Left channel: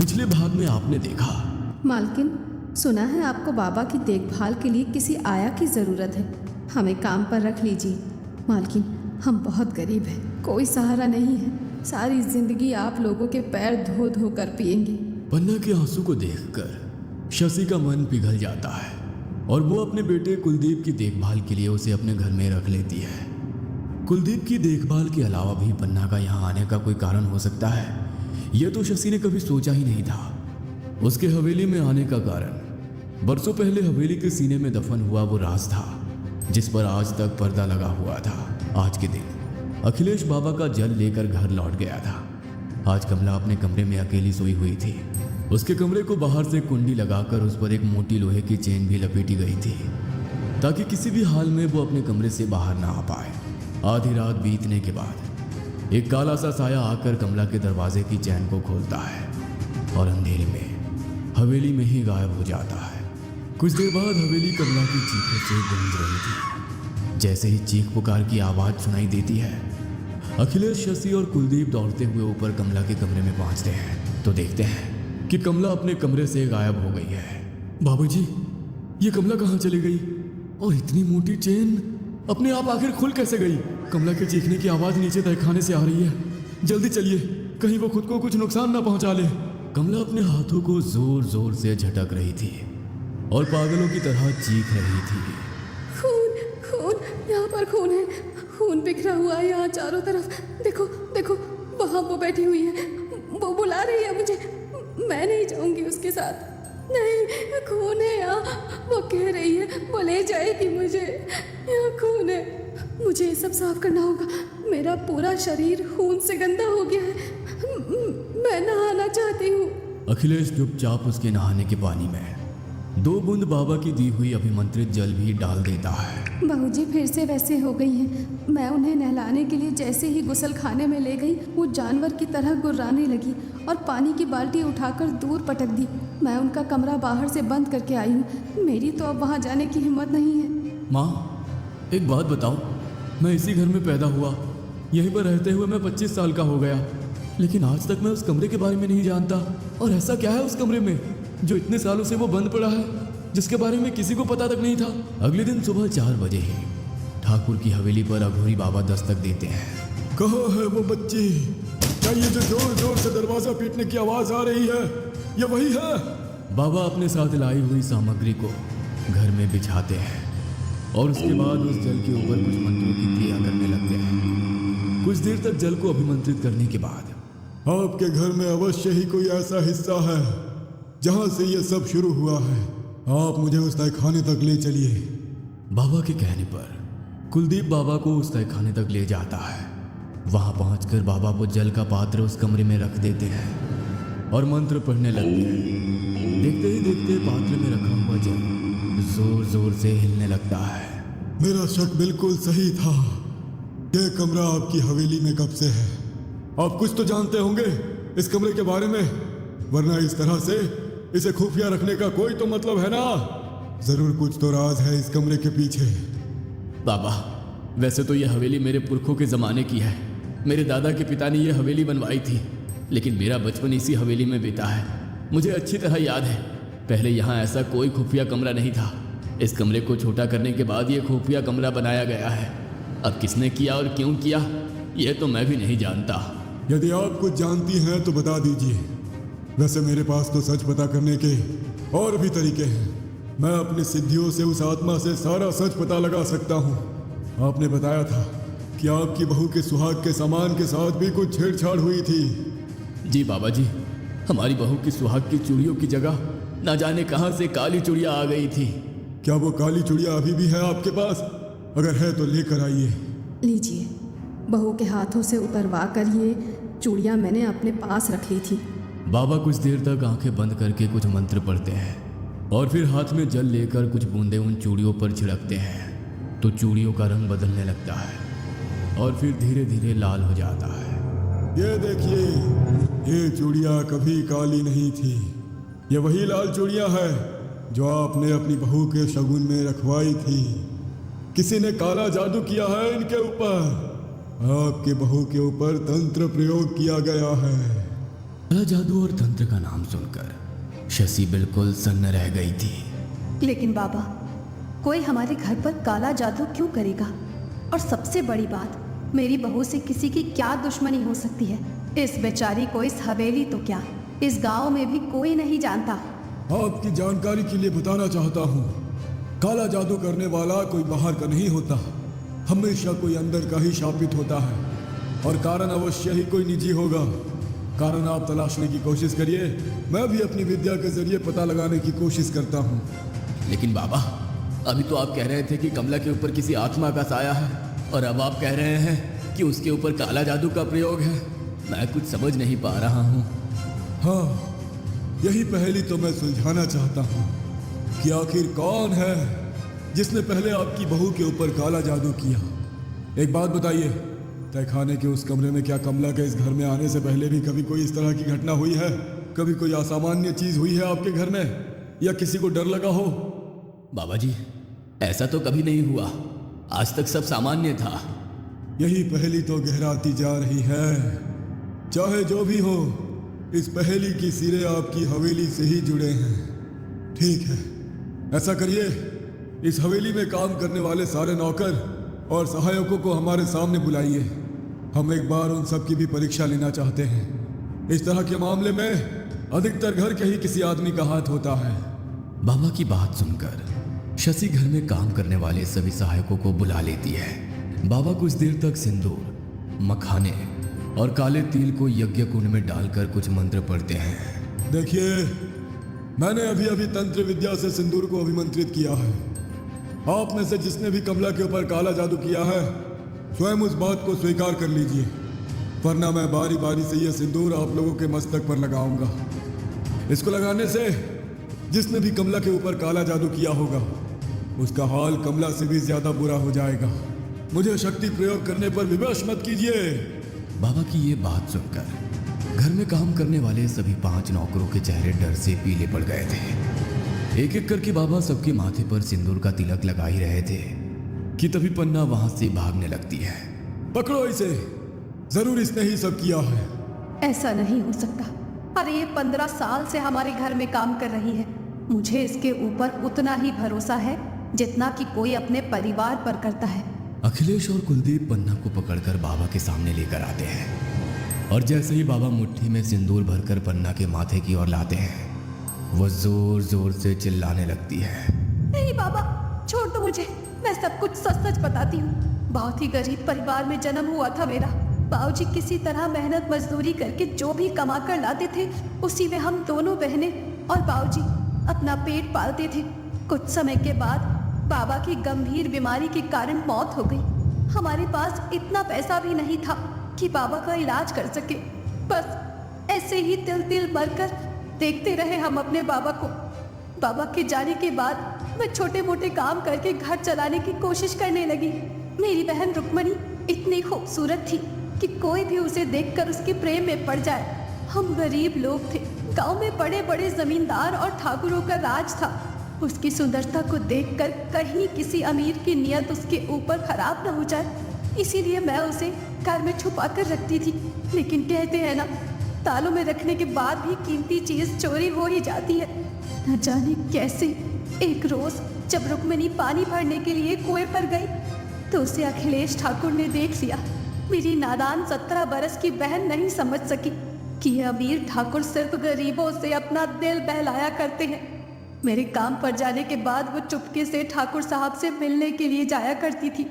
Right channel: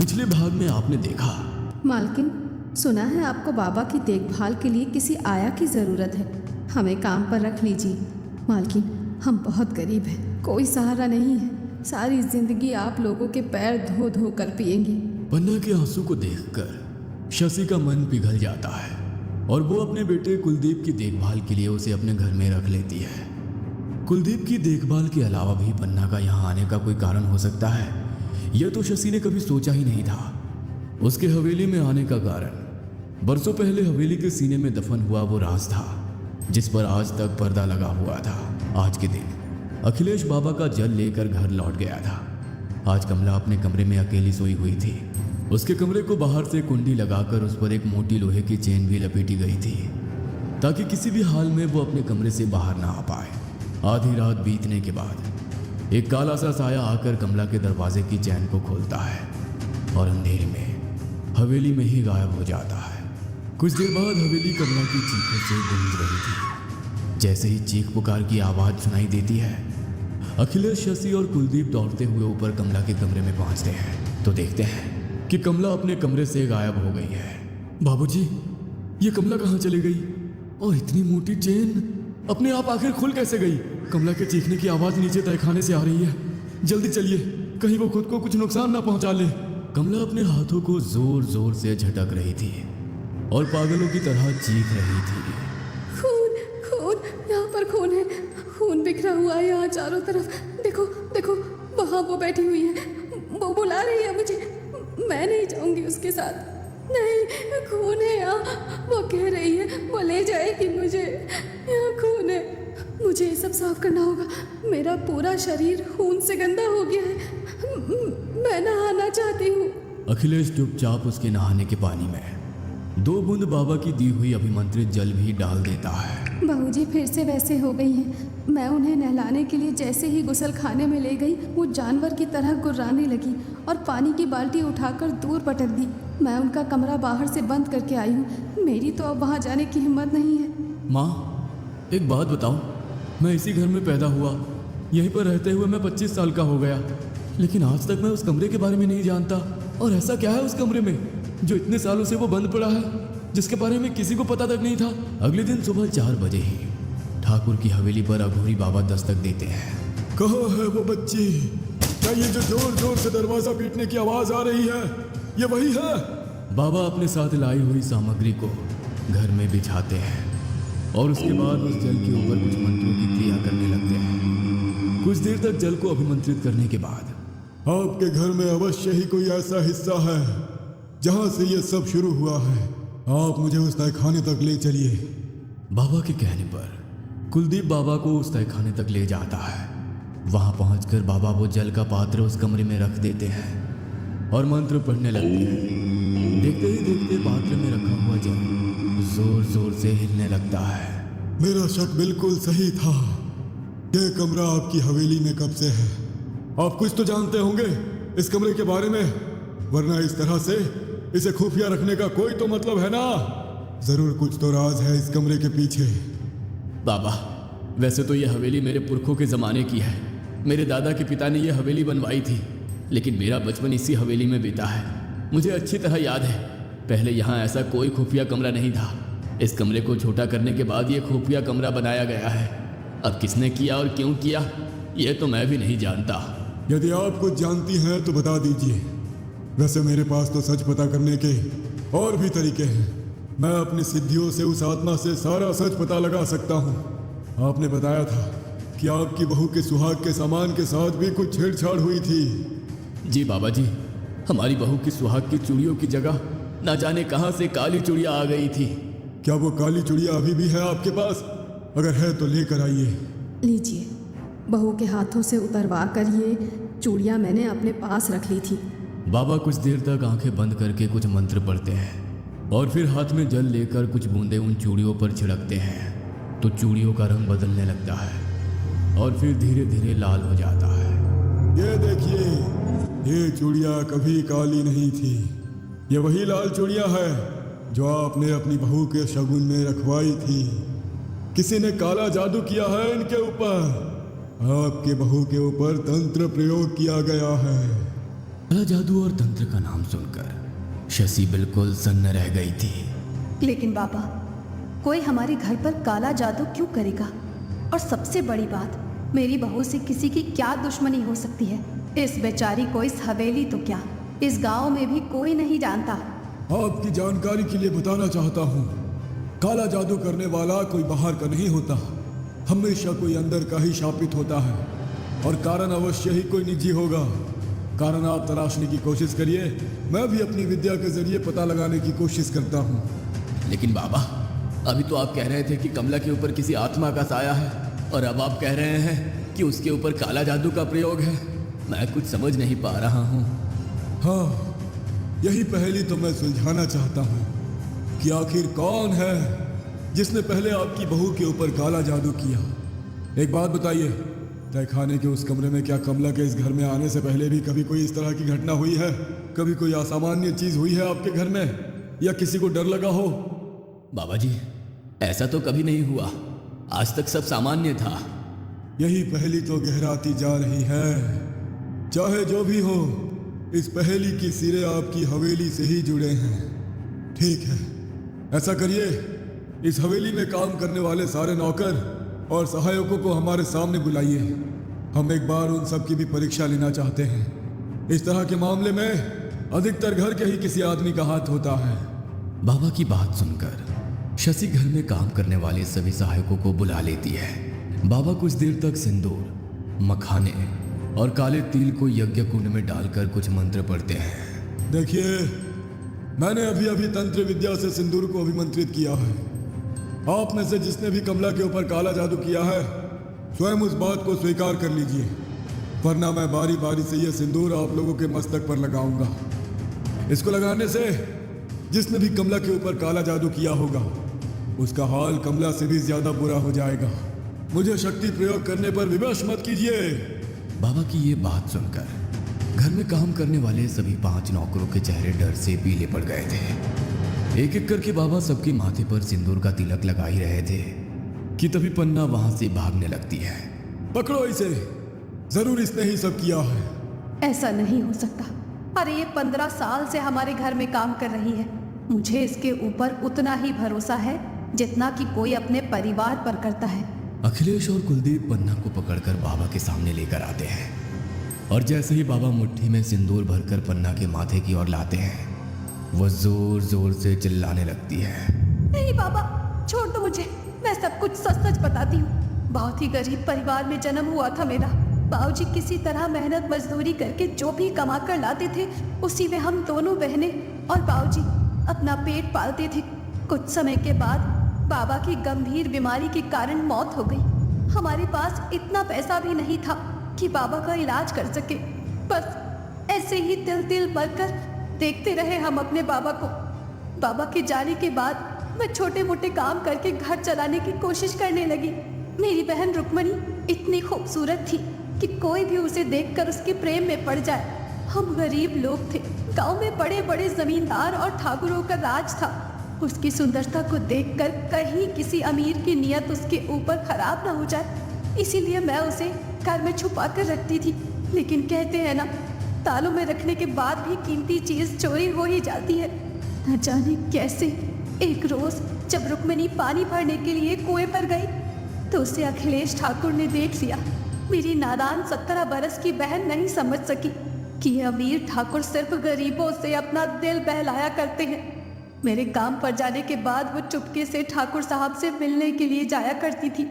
पिछले भाग में आपने देखा। मालकिन, सुना है आपको बाबा की देखभाल के लिए किसी आया की ज़रूरत है। हमें काम पर रख लीजिए। मालकिन, हम बहुत गरीब हैं, कोई सहारा नहीं है। सारी जिंदगी आप लोगों के पैर धो धो कर पिएंगे। पन्ना के आंसू को देखकर शशि का मन पिघल जाता है और वो अपने बेटे कुलदीप की देखभाल के लिए उसे अपने घर में रख लेती है। कुलदीप की देखभाल के अलावा भी पन्ना का यहाँ आने का कोई कारण हो सकता है, यह तो शशि ने कभी सोचा ही नहीं था। उसके हवेली में आने का कारण बरसों पहले हवेली के सीने में दफन हुआ वो राज था जिस पर आज तक पर्दा लगा हुआ था। आज के दिन अखिलेश बाबा का जल लेकर घर लौट गया था। आज कमला अपने कमरे में अकेली सोई हुई थी। उसके कमरे को बाहर से कुंडी लगाकर उस पर एक मोटी लोहे की चेन भी लपेटी गई थी ताकि किसी भी हाल में वो अपने कमरे से बाहर ना आ पाए। आधी रात बीतने के बाद एक काला सा साया आकर कमला के दरवाजे की चैन को खोलता है और अंधेरी में हवेली में ही गायब हो जाता है। कुछ देर बाद हवेली कमला की चीखों से गूंज रही थी। जैसे ही चीख पुकार की आवाज सुनाई देती है, अखिलेश, शशि और कुलदीप दौड़ते हुए ऊपर कमला के कमरे में पहुंचते हैं तो देखते हैं कि कमला अपने कमरे से गायब हो गई है। बाबूजी, ये कमला कहाँ चली गई? और इतनी मोटी चेन अपने आप आखिर खुल कैसे गई? कमला के चीखने की आवाज नीचे तहखाने से आ रही है। जल्दी चलिए, कहीं वो खुद को कुछ नुकसान ना पहुंचा ले। कमला अपने हाथों को जोर जोर से झटक रही थी और पागलों की तरह चीख रही थी। खून, खून, यहाँ पर खून है। खून बिखरा हुआ है यहाँ चारों तरफ। देखो देखो, वहाँ वो बैठी हुई है, वो बुला रही है मुझे। मैं नहीं जाऊंगी उसके साथ। नहीं, खून है यहाँ। वो कह रही है वो ले जाएगी मुझे। यहाँ खून है, मुझे ये सब साफ करना होगा। मेरा पूरा शरीर खून से गंदा हो गया है। मैं नहाना चाहती हूँ। अखिलेश चुपचाप उसके नहाने के पानी में 2 बूंद बाबा की दी हुई अभिमंत्रित जल भी डाल देता है। बाबूजी फिर से वैसे हो गई हैं। मैं उन्हें नहलाने के लिए जैसे ही गुसल खाने में ले गई, वो जानवर की तरह गुर्राने लगी और पानी की बाल्टी उठाकर दूर पटक दी। मैं उनका कमरा बाहर से बंद करके आई हूँ। मेरी तो अब वहाँ जाने की हिम्मत नहीं है। माँ, एक बात बताओ, मैं इसी घर में पैदा हुआ, यहीं पर रहते हुए मैं 25 साल का हो गया, लेकिन आज तक मैं उस कमरे के बारे में नहीं जानता। और ऐसा क्या है उस कमरे में जो इतने सालों से वो बंद पड़ा है, जिसके बारे में किसी को पता तक नहीं था? अगले दिन सुबह 4 बजे ही ठाकुर की हवेली पर अघोरी बाबा दस्तक देते हैं। कहाँ है वो बच्ची? क्या ये जो जोर जोर से दरवाजा पीटने की आवाज आ रही है, ये वही है? बाबा अपने साथ लाई हुई सामग्री को घर में बिछाते हैं और उसके बाद उस जल के ऊपर कुछ मंत्रों की क्रिया करने लगते हैं। कुछ देर तक जल को अभिमंत्रित करने के बाद आपके घर में अवश्य ही कोई ऐसा हिस्सा है जहां से ये सब शुरू हुआ है। आप मुझे उस तहखाने तक ले चलिए। बाबा के कहने पर कुलदीप बाबा को उस तहखाने तक ले जाता है। वहां पहुंचकर बाबा वो जल का पात्र उस कमरे में रख देते हैं और मंत्र पढ़ने लगते हैं। देखते ही देखते पात्र में रखा हुआ जल जोर जोर से हिलने लगता है। मेरा शक बिल्कुल सही था। ये कमरा आपकी हवेली में कब से है? आप कुछ तो जानते होंगे इस कमरे के बारे में, वरना इस तरह से इसे खुफिया रखने का कोई तो मतलब है ना। जरूर कुछ तो राज है इस कमरे के पीछे। बाबा, वैसे तो ये हवेली मेरे पुरखों के ज़माने की है। मेरे दादा के पिता ने ये हवेली बनवाई थी, लेकिन मेरा बचपन इसी हवेली में बीता है। मुझे अच्छी तरह याद है, पहले यहाँ ऐसा कोई खुफिया कमरा नहीं था। इस कमरे को छोटा करने के बाद ये खुफिया कमरा बनाया गया है। अब किसने किया और क्यों किया, ये तो मैं भी नहीं जानता। यदि आप कुछ जानती हैं तो बता दीजिए। वैसे मेरे पास तो सच पता करने के और भी तरीके हैं। मैं अपनी सिद्धियों से उस आत्मा से सारा सच पता लगा सकता हूँ। आपने बताया था कि आपकी बहू के सुहाग के सामान के साथ भी कुछ छेड़छाड़ हुई थी। जी बाबा जी, हमारी बहू की सुहाग की चूड़ियों की जगह ना जाने कहाँ से काली चूड़ियाँ आ गई थी। क्या वो काली चूड़ियाँ अभी भी है आपके पास? अगर है तो लेकर आइए। लीजिए, बहू के हाथों से उतरवा कर ये चूड़ियाँ मैंने अपने पास रख ली थी। बाबा कुछ देर तक आंखें बंद करके कुछ मंत्र पढ़ते हैं और फिर हाथ में जल लेकर कुछ बूंदें उन चूड़ियों पर छिड़कते हैं तो चूड़ियों का रंग बदलने लगता है और फिर धीरे धीरे लाल हो जाता है। ये देखिए, ये चूड़ियाँ कभी काली नहीं थी। ये वही लाल चूड़ियाँ हैं जो आपने अपनी बहू के शगुन में रखवाई थी। किसी ने काला जादू किया है इनके ऊपर। आपके बहू के ऊपर तंत्र प्रयोग किया गया है। काला जादू और तंत्र का नाम सुनकर शशि बिल्कुल सन्न रह गई थी। लेकिन बाबा, कोई हमारे घर पर काला जादू क्यों करेगा? और सबसे बड़ी बात, मेरी बहू से किसी की क्या दुश्मनी हो सकती है? इस बेचारी को इस हवेली तो क्या, इस गांव में भी कोई नहीं जानता। आपकी जानकारी के लिए बताना चाहता हूँ, काला जादू करने वाला कोई बाहर का नहीं होता, हमेशा कोई अंदर का ही शापित होता है। और कारण अवश्य ही कोई निजी होगा। कारण आप तलाशने की कोशिश करिए, मैं भी अपनी विद्या के जरिए पता लगाने की कोशिश करता हूँ। लेकिन बाबा, अभी तो आप कह रहे थे कि कमला के ऊपर किसी आत्मा का साया है, और अब आप कह रहे हैं कि उसके ऊपर काला जादू का प्रयोग है। मैं कुछ समझ नहीं पा रहा हूँ। हाँ, यही पहेली तो मैं सुलझाना चाहता हूँ कि आखिर कौन है जिसने पहले आपकी बहू के ऊपर काला जादू किया। एक बात बताइए, तहखाने के उस कमरे में क्या कमला के इस घर में आने से पहले भी कभी कोई इस तरह की घटना हुई है? कभी कोई असामान्य चीज हुई है आपके घर में, या किसी को डर लगा हो? बाबा जी, ऐसा तो कभी नहीं हुआ, आज तक सब सामान्य था। यही पहेली तो गहराती जा रही है। चाहे जो भी हो, इस पहेली की सिरे आपकी हवेली से ही जुड़े हैं। ठीक है, ऐसा करिए, इस हवेली में काम करने वाले सारे नौकर और सहायकों को हमारे सामने बुलाइए। हम एक बार उन सब की भी परीक्षा लेना चाहते हैं। इस तरह के मामले में अधिकतर घर के ही किसी आदमी का हाथ होता है। बाबा की बात सुनकर शशि घर में काम करने वाले सभी सहायकों को बुला लेती है। बाबा कुछ देर तक सिंदूर, मखाने और काले तिल को यज्ञ कुंड में डालकर कुछ मंत्र पढ़ते हैं। देखिए, मैंने अभी अभी तंत्र विद्या से सिंदूर को अभिमंत्रित किया है। आप में से जिसने भी कमला के ऊपर काला जादू किया है, स्वयं उस बात को स्वीकार कर लीजिए, वरना मैं बारी बारी से यह सिंदूर आप लोगों के मस्तक पर लगाऊंगा। इसको लगाने से जिसने भी कमला के ऊपर काला जादू किया होगा, उसका हाल कमला से भी ज्यादा बुरा हो जाएगा। मुझे शक्ति प्रयोग करने पर विवश मत कीजिए। बाबा की ये बात सुनकर घर में काम करने वाले सभी 5 नौकरों के चेहरे डर से पीले पड़ गए थे। एक एक करके बाबा सबके माथे पर सिंदूर का तिलक लगा ही रहे थे कि तभी पन्ना वहां से भागने लगती है। पकड़ो इसे, जरूर इसने ही सब किया है। ऐसा नहीं हो सकता। अरे ये 15 साल से हमारे घर में काम कर रही है। मुझे इसके ऊपर उतना ही भरोसा है जितना कि कोई अपने परिवार पर करता है। अखिलेश और कुलदीप पन्ना को पकड़कर बाबा के सामने लेकर आते हैं, और जैसे ही बाबा मुट्ठी में सिंदूर भरकर पन्ना के माथे की ओर लाते हैं, वो जोर जोर से चिल्लाने लगती है। नहीं बाबा, छोड़ दो मुझे, मैं सब कुछ सच सच बताती हूँ। बहुत ही गरीब परिवार में जन्म हुआ था मेरा। बाबूजी किसी तरह मेहनत मजदूरी करके जो भी कमा कर लाते थे, उसी में हम दोनों बहनें और बाबूजी अपना पेट पालते थे। कुछ समय के बाद बाबा की गंभीर बीमारी के कारण मौत हो गई। हमारे पास इतना पैसा भी नहीं था कि बाबा का इलाज कर सके। बस ऐसे ही तिल तिल बढ़कर देखते रहे हम अपने बाबा को। बाबा के जाने के बाद मैं छोटे मोटे काम करके घर चलाने की कोशिश करने लगी। मेरी बहन रुक्मणी इतनी खूबसूरत थी कि कोई भी उसे देखकर उसके प्रेम में पड़ जाए। हम गरीब लोग थे, गांव में बड़े बड़े जमींदार और ठाकुरों का राज था। उसकी सुंदरता को देखकर कहीं किसी अमीर की नियत उसके ऊपर खराब ना हो जाए, इसीलिए मैं उसे घर में छुपा कर रखती थी। लेकिन कहते हैं ना, तालों में रखने के बाद भी कीमती चीज चोरी हो ही जाती है। न जाने कैसे एक रोज जब रुक्मिणी पानी भरने के लिए कुएं पर गई तो उसे अखिलेश ठाकुर ने देख लिया। मेरी नादान 17 बरस की बहन नहीं समझ सकी कि अमीर ठाकुर सिर्फ गरीबों से अपना दिल बहलाया करते हैं। मेरे काम पर जाने के बाद वो चुपके से ठाकुर साहब से मिलने के लिए जाया करती थी।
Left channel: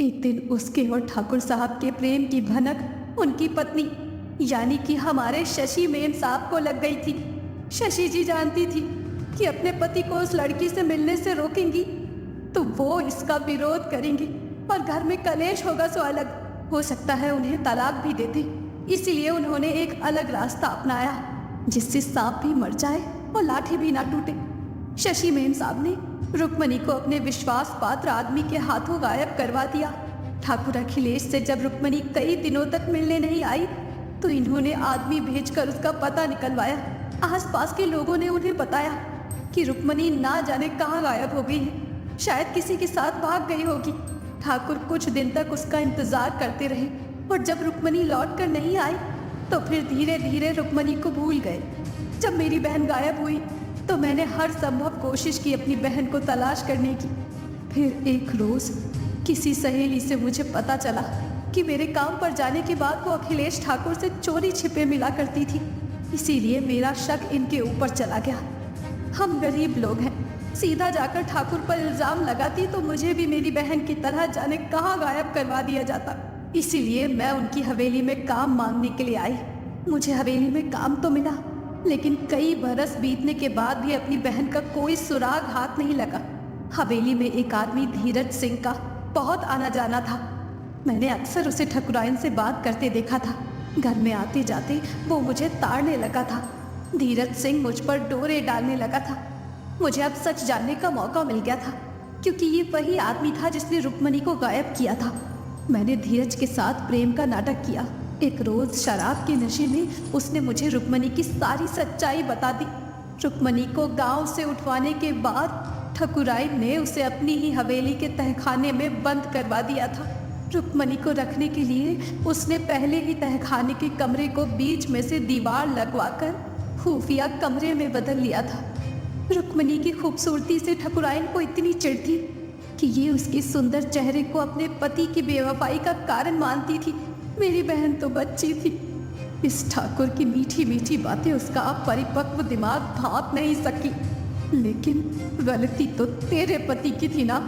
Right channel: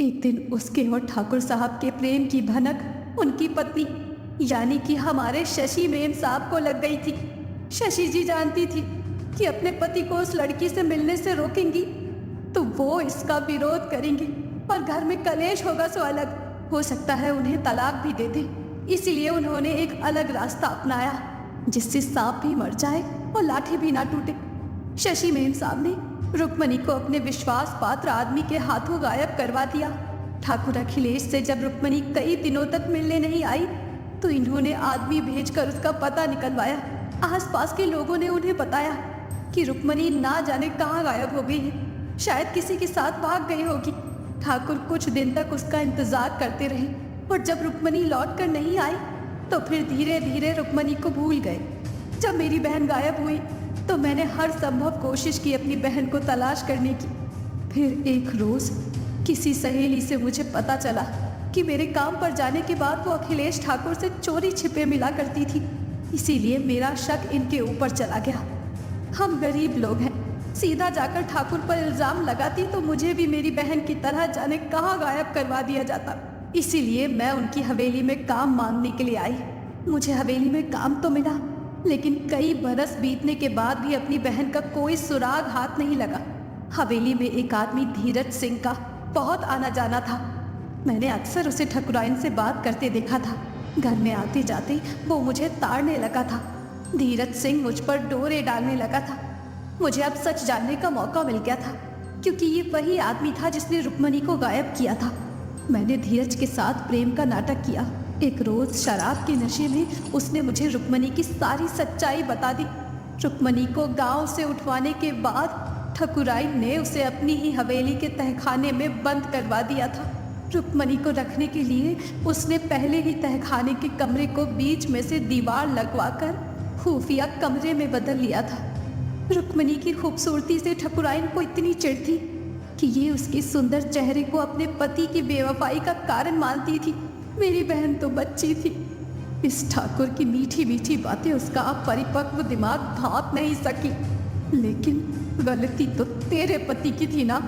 एक दिन उसके और ठाकुर साहब के प्रेम की भनक उनकी पत्नी यानी कि हमारे शशि मेम साहब को लग गई थी। शशि जी जानती थी कि अपने पति को उस लड़की से मिलने से रोकेंगी तो वो इसका विरोध करेंगे और घर में कलेश होगा सो अलग। हो सकता है उन्हें तलाक भी दे दे। इसीलिए उन्होंने एक अलग रास्ता अपनाया जिससे सांप भी मर जाए और लाठी भी ना टूटे। शशि मेम साहब ने रुक्मणी को अपने विश्वास पात्र आदमी के हाथों गायब करवा दिया। ठाकुर अखिलेश से जब रुक्मणी कई दिनों तक मिलने नहीं आई तो इन्होंने आदमी भेजकर उसका पता निकलवाया। आसपास के लोगों ने उन्हें बताया कि रुक्मणी ना जाने कहाँ गायब हो गई है, शायद किसी के साथ भाग गई होगी। ठाकुर कुछ दिन तक उसका इंतजार करते रहे और जब रुक्मणी लौट कर नहीं आई तो फिर धीरे धीरे रुक्मणी को भूल गए। जब मेरी बहन गायब हुई तो मैंने हर संभव कोशिश की अपनी बहन को तलाश करने की। फिर एक रोज किसी सहेली से मुझे पता चला कि मेरे काम पर जाने के बाद वो अखिलेश ठाकुर से चोरी छिपे मिला करती थी। इसीलिए मेरा शक इनके ऊपर चला गया। हम गरीब लोग हैं, सीधा जाकर ठाकुर पर इल्जाम लगाती तो मुझे भी मेरी बहन की तरह जाने कहाँ गायब करवा दिया जाता। इसीलिए मैं उनकी हवेली में काम मांगने के लिए आई। मुझे हवेली में काम तो मिला, लेकिन कई बरस बीतने के बाद भी अपनी बहन का कोई सुराग हाथ नहीं लगा। हवेली में एक आदमी धीरज सिंह का बहुत आना जाना था। मैंने अक्सर उसे ठकुराइन से बात करते देखा था। घर में आते जाते वो मुझे ताड़ने लगा था। धीरज सिंह मुझ पर डोरे डालने लगा था। मुझे अब सच जानने का मौका मिल गया था, क्योंकि ये वही आदमी था जिसने रुक्मणी को गायब किया था। मैंने धीरज के साथ प्रेम का नाटक किया। एक रोज शराब के नशे में उसने मुझे रुक्मणी की सारी सच्चाई बता दी। रुक्मणी को गांव से उठवाने के बाद ठकुराइन ने उसे अपनी ही हवेली के तहखाने में बंद करवा दिया था। रुक्मणी को रखने के लिए उसने पहले ही तहखाने के कमरे को बीच में से दीवार लगवाकर खुफिया कमरे में बदल लिया था। रुक्मणी की खूबसूरती से ठकुराइन को इतनी चिढ़ थी कि ये उसके सुंदर चेहरे को अपने पति की बेवफाई का कारण मानती थी। मेरी बहन तो बच्ची थी। इस ठाकुर की मीठी मीठी बातें उसका अपरिपक्व दिमाग भांप नहीं सकी। लेकिन गलती तो तेरे पति की थी ना।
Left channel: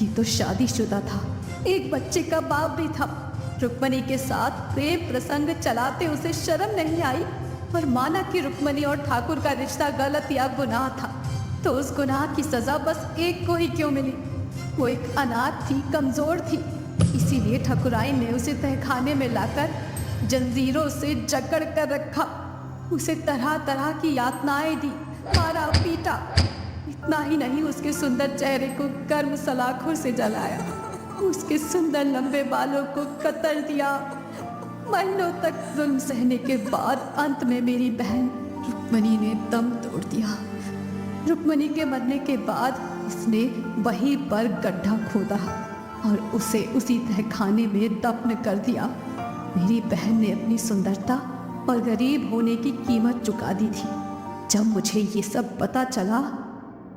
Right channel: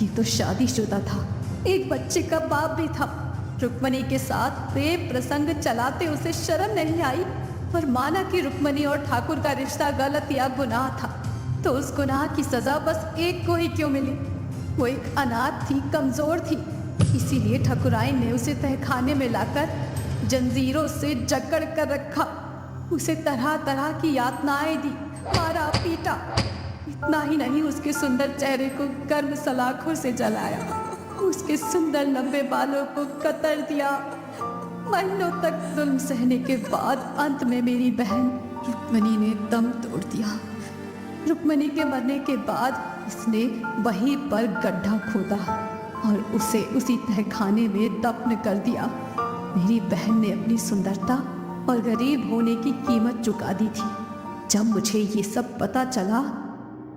ये तो शादीशुदा था, एक बच्चे का बाप भी था। रुक्मणी के साथ प्रेम प्रसंग चलाते उसे शर्म नहीं आई और माना कि रुक्मणी और ठाकुर का रिश्ता गलत या गुनाह था, तो उस गुनाह की सजा बस एक को ही क्यों मिली? वो एक अनाथ थी, कमजोर थी। इसीलिए ठकुराइन ने उसे तहखाने में लाकर जंजीरों से जकड़ कर रखा। उसे तरह तरह की यातनाएं दी, मारा पीटा। इतना ही नहीं, उसके सुंदर चेहरे को गर्म सलाखों से जलाया, उसके सुंदर लंबे बालों को कतर दिया। महीनों तक जुल्म सहने के बाद अंत में मेरी बहन रुक्मणी ने दम तोड़ दिया। रुक्मणी के मरने के बाद इसने वहीं पर गड्ढा खोदा और उसे उसी तहखाने में दफन कर दिया। मेरी बहन ने अपनी सुंदरता और गरीब होने की कीमत चुका दी थी। जब मुझे ये सब पता चला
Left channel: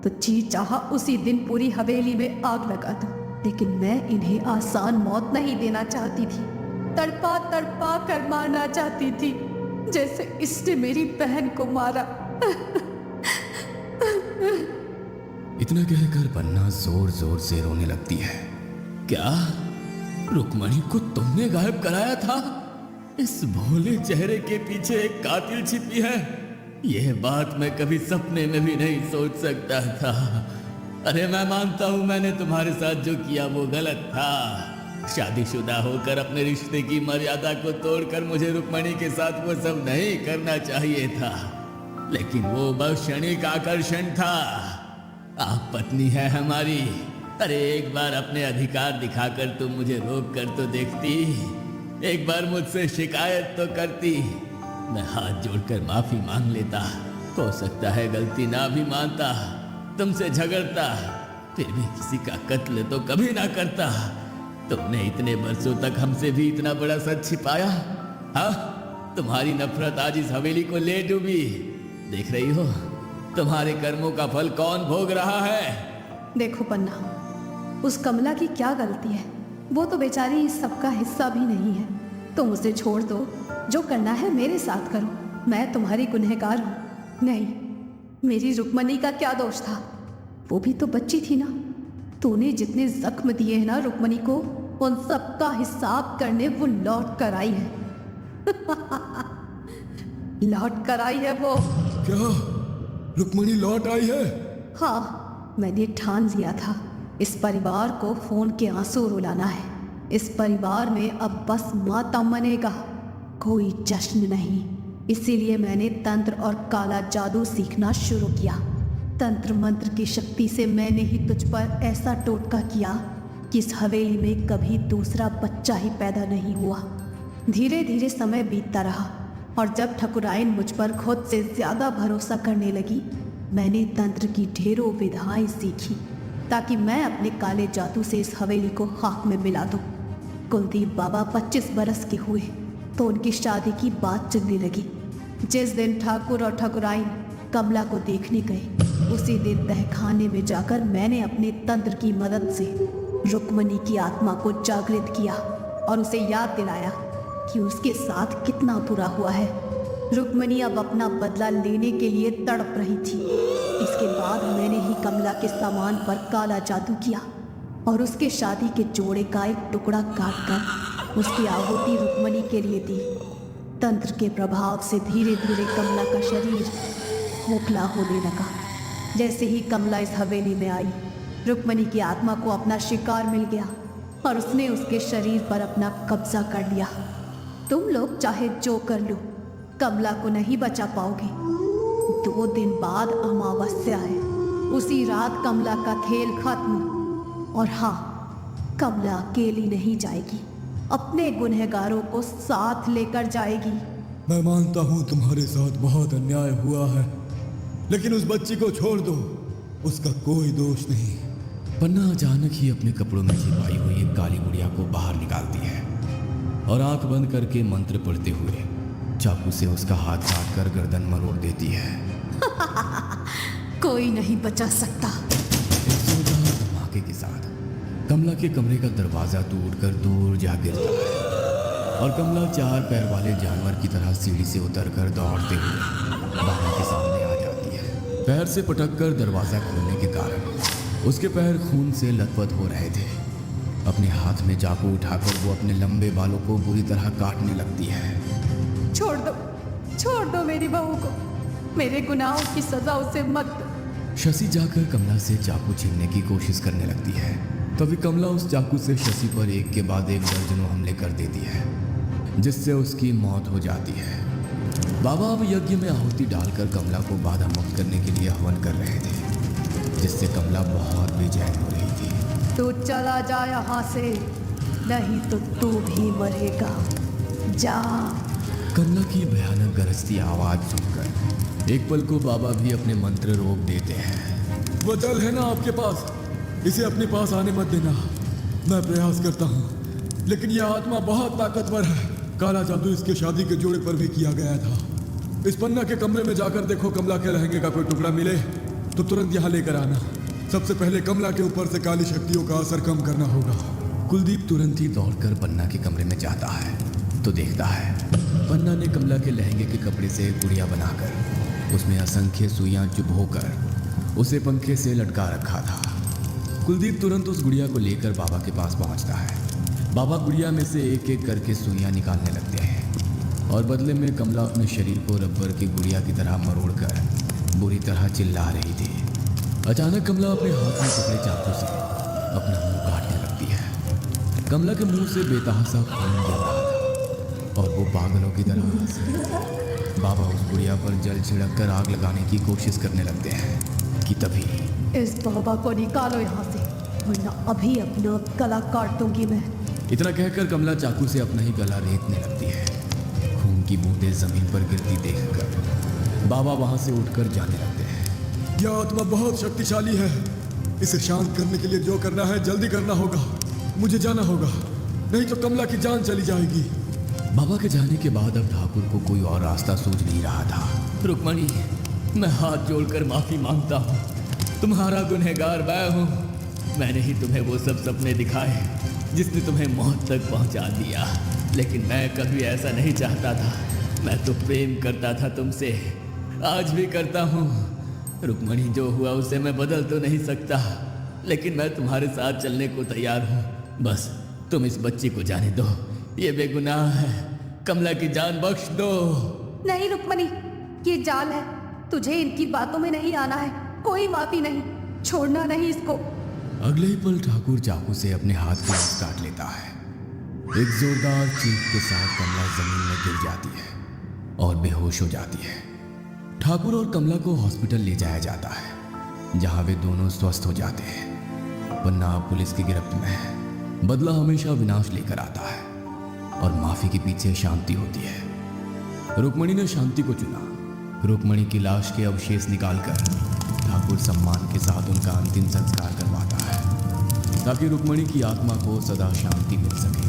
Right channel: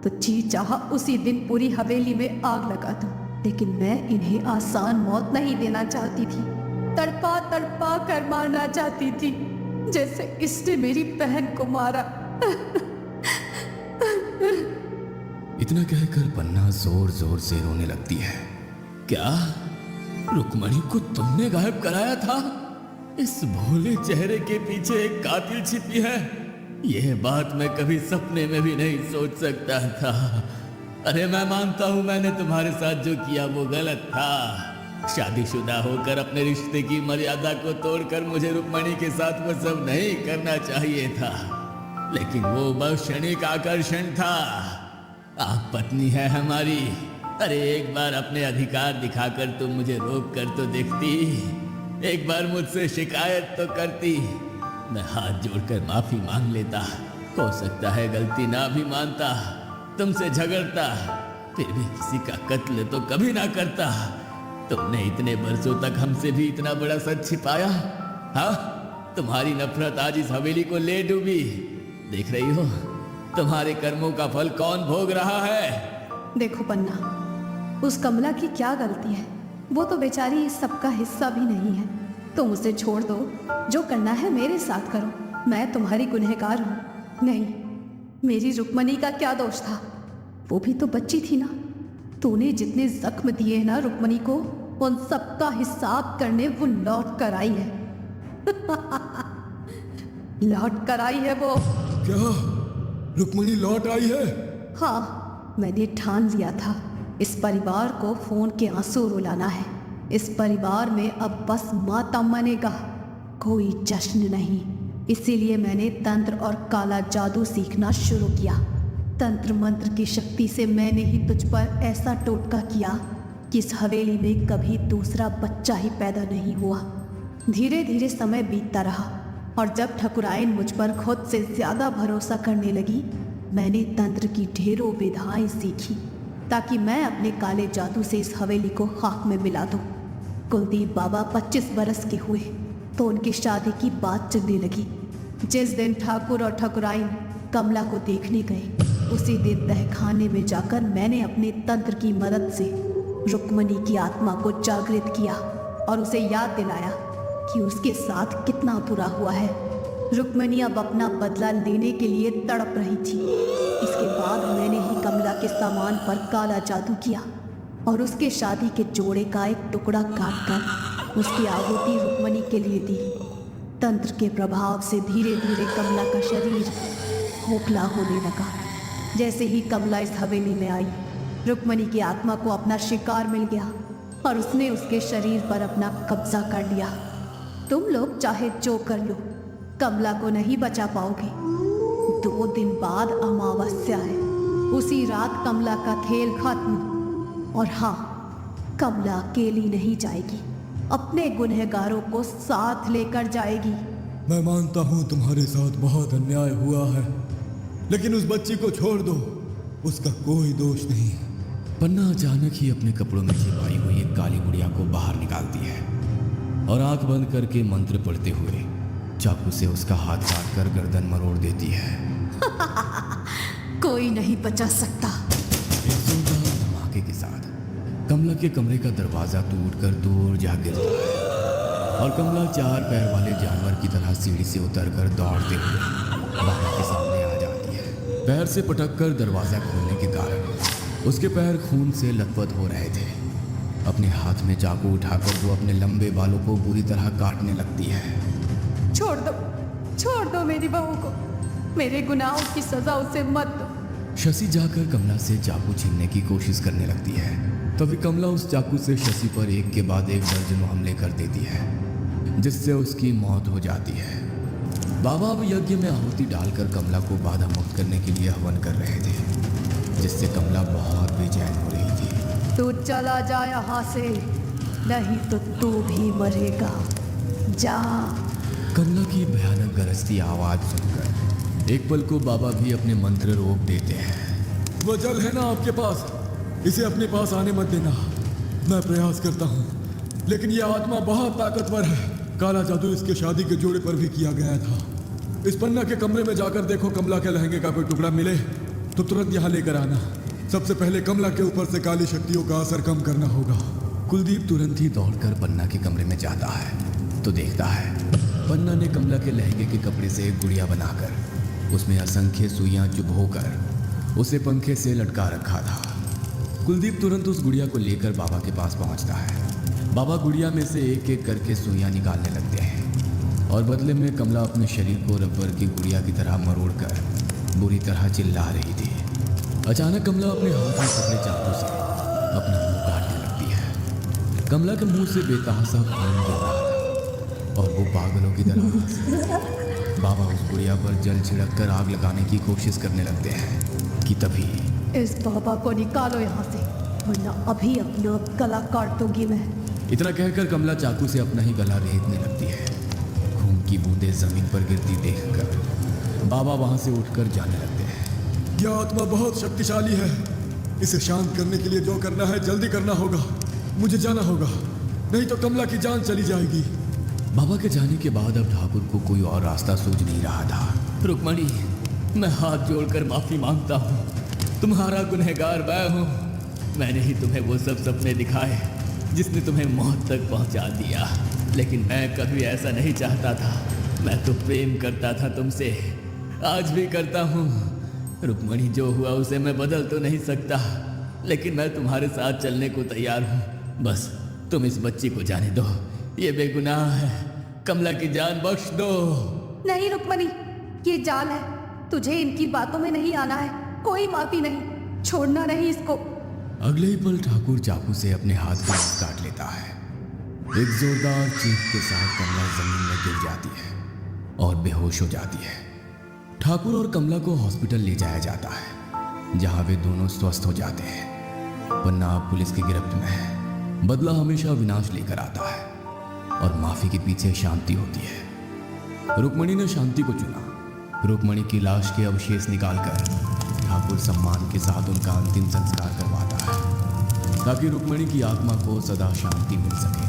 तो जी चाहा उसी दिन पूरी हवेली में आग लगा दूं, लेकिन मैं इन्हें आसान मौत नहीं देना चाहती थी। तड़पा तड़पा कर मारना चाहती थी, जैसे इसने मेरी बहन को मारा। इतना कहकर पन्ना जोर जोर से रोने लगती है। क्या रुक्मणी को तुमने गायब कराया था? इस भोले चेहरे के पीछे एक कातिल छिपी है, यह बात मैं कभी सपने में भी नहीं सोच सकता था। अरे मैं मानता हूं मैंने तुम्हारे साथ जो किया वो गलत था। शादीशुदा होकर अपने रिश्ते की मर्यादा को तोड़कर मुझे रुक्मणी के साथ वो सब नहीं करना चाहिए था, लेकिन वो बस क्षणिक आकर्षण था। आप पत्नी है हमारी, अरे एक बार अपने अधिकार दिखाकर तुम मुझे रोक कर तो देखती, एक बार मुझसे शिकायत तो करती। मैं हाथ जोड़कर माफी मांग लेता, हो सकता है गलती ना भी मानता, तुमसे झगड़ता, फिर भी किसी का कत्ल तो कभी ना करता। तुमने इतने बरसों तक हमसे भी इतना बड़ा सच छिपाया। हाँ, तुम्हारी नफरत आज इस हवेली को ले डूबी। देख रही हो तुम्हारे कर्मों का फल कौन भोग रहा है। देखो पन्ना, उस कमला की क्या गलती है? वो तो बेचारी इस सबका हिस्सा भी नहीं है। तुम उसे छोड़ दो, जो करना है मेरे साथ करो, मैं तुम्हारी गुनहगार हूँ। नहीं, मेरी रुक्मणी का क्या दोष था? वो भी तो बच्ची थी ना। तूने जितने जख्म दिए ना रुक्मणी को, उन सब का हिसाब करने वो लौट कर आई है। लौट कर आई है वो। क्या रुक्मणी लौट आई है? हाँ, मैंने ठान लिया था इस परिवार को खून के आंसू रुलाना है। इस परिवार में अब बस मातम मनेगा, कोई जश्न नहीं। इसीलिए मैंने तंत्र और काला जादू सीखना शुरू किया। तंत्र मंत्र की शक्ति से मैंने ही तुझ पर ऐसा टोटका किया कि इस हवेली में कभी दूसरा बच्चा ही पैदा नहीं हुआ। धीरे धीरे समय बीतता रहा और जब ठकुराइन मुझ पर खुद से ज्यादा भरोसा करने लगी, मैंने तंत्र की ढेरों विधाएं सीखी ताकि मैं अपने काले जादू से इस हवेली को खाक में मिला दूं। कुलदीप बाबा 25 बरस के हुए, तो उनकी शादी की बात चलने लगी। जिस दिन ठाकुर और ठाकुराइन कमला को देखने गए, उसी दिन तहखाने में जाकर मैंने अपने तंत्र की मदद से रुक्मणी की आत्मा को जागृत किया और उसे याद दिलाया कि उसके साथ कितना बुरा हुआ है। रुक्मणी अब अपना बदला लेने के लिए तड़प रही थी। इसके बाद मैंने ही कमला के सामान पर काला जादू किया और उसके शादी के जोड़े का एक टुकड़ा काटकर उसकी आहुति रुक्मणी के लिए दी। तंत्र के प्रभाव से धीरे धीरे कमला का शरीर खोखला होने लगा। जैसे ही कमला इस हवेली में आई, रुक्मणी की आत्मा को अपना शिकार मिल गया और उसने उसके शरीर पर अपना कब्जा कर लिया। तुम लोग चाहे जो कर लो, कमला को नहीं बचा पाओगे। 2 दिन बाद अमावस्या है। उसी रात कमला का खेल खत्म। और हाँ, कमला अकेली नहीं जाएगी, अपने गुनहगारों को साथ लेकर जाएगी। मैं मानता हूँ तुम्हारे साथ बहुत अन्याय हुआ है, लेकिन उस बच्ची को छोड़ दो, उसका कोई दोष नहीं। पन्ना अचानक ही अपने कपड़ों में छिपाई हुई एक काली बुढ़िया को बाहर निकालती है और आंख बंद करके मंत्र पढ़ते हुए चाकू से उसका हाथ काट कर गर्दन मरोड़ देती है। कोई नहीं बचा सकता। एक जोरदार धमाके के साथ कमला के कमरे का दरवाजा टूटकर दूर जा गिरता है और कमला 4 पैर वाले जानवर की तरह सीढ़ी से उतरकर दौड़ते हुए बाबा के सामने आ जाती है। पैर से पटककर दरवाजा खोलने के कारण उसके पैर खून से लथपथ हो रहे थे। अपने हाथ में चाकू उठाकर वो अपने लंबे बालों को बुरी तरह काटने लगती है। छोड़ दो मेरी बहू को, मेरे गुनाहों की सजा उसे मत दो। शशि जाकर कमला से चाकू छीनने की कोशिश करने लगती है। तभी कमला उस चाकू से शशि पर एक के बाद एक दर्जनों हमले कर देती है, जिससे उसकी मौत हो जाती है। बाबा अब यज्ञ में आहुति डालकर कमला को बाधा मुक्त करने के लिए हवन कर रहे थे, जिससे कमला बहुत बेचैन हो रही थी। तू चला जा यहाँ से, नहीं तो तू भी मरेगा। जा। कमला की भयानक गरजती आवाज सुनकर एक पल को बाबा भी अपने मंत्र रोक देते हैं। वो जल है ना आपके पास, इसे अपने पास आने मत देना। मैं प्रयास करता हूँ, लेकिन यह आत्मा बहुत ताकतवर है। काला जादू इसके शादी के जोड़े पर भी किया गया था। इस पन्ना के कमरे में जाकर देखो, कमला के लहंगे का कोई टुकड़ा मिले तो तुरंत यहाँ लेकर आना। सबसे पहले कमला के ऊपर से काली शक्तियों का असर कम करना होगा। कुलदीप तुरंत ही दौड़कर पन्ना के कमरे में जाता है तो देखता है पन्ना ने कमला के लहंगे के कपड़े से एक गुड़िया बनाकर उसमें असंख्य सुइयां चुभोकर उसे पंखे से लटका रखा था। कुलदीप तुरंत उस गुड़िया को लेकर बाबा के पास पहुंचता है। बाबा गुड़िया में से एक एक करके सुइयां निकालने लगते हैं और बदले में कमला अपने शरीर को रबर की गुड़िया की तरह मरोड़कर बुरी तरह चिल्ला रही थी। अचानक कमला अपने हाथ में पकड़े चाकू से अपना मुंह काटने लगती है। कमला के मुंह से बेतहासा खून बह रहा था और वो पागलों की तरह हंसती। बाबा उस गुड़िया पर जल छिड़क कर आग लगाने की कोशिश करने लगते हैं कि तभी इस बाबा को निकालो यहाँ से, वरना अभी अपना गला काट दूंगी मैं। इतना कहकर कमला चाकू से अपना ही गला रेतने लगती है। खून की बूंदें जमीन पर गिरती देखकर बाबा वहां से उठकर जाने लगते हैं। यह आत्मा बहुत शक्तिशाली है, इसे शांत करने के लिए जो करना है जल्दी करना होगा। मुझे जाना होगा, नहीं तो कमला की जान चली जाएगी। बाबा के जाने के बाद अब ठाकुर को कोई और रास्ता सूझ नहीं रहा था। रुक्मणी, मैं हाथ जोड़कर माफी मांगता हूँ। तुम्हारा गुनहगार मैं हूँ। मैंने ही तुम्हें वो सब सपने दिखाए जिसने तुम्हें मौत तक पहुँचा दिया, लेकिन मैं कभी ऐसा नहीं चाहता था। मैं तो प्रेम करता था तुमसे, आज भी करता हूँ। रुक्मणी, जो हुआ उसे मैं बदल तो नहीं सकता, लेकिन मैं तुम्हारे साथ चलने को तैयार हूँ। बस तुम इस बच्ची को जाने दो, ये बेगुनाह है। कमला की जान बख्श दो। नहीं रुक्मणी, ये जाल है, तुझे इनकी बातों में नहीं आना है। कोई माफी नहीं, छोड़ना नहीं इसको। अगले ही पल ठाकुर चाकू से अपने हाथ को काट लेता है। एक जोरदार चीख के साथ कमला जमीन में गिर जाती है और बेहोश हो जाती है। ठाकुर और कमला को हॉस्पिटल ले जाया जाता है, जहां वे दोनों स्वस्थ हो जाते हैं। वरना पुलिस की गिरफ्त में है। बदला हमेशा विनाश लेकर आता है और माफी के पीछे शांति होती है। रुक्मणी ने शांति को चुना। रुक्मणी की लाश के अवशेष निकालकर ठाकुर सम्मान के साथ उनका अंतिम संस्कार करवाता है, ताकि रुक्मणी की आत्मा को सदा शांति मिल सके।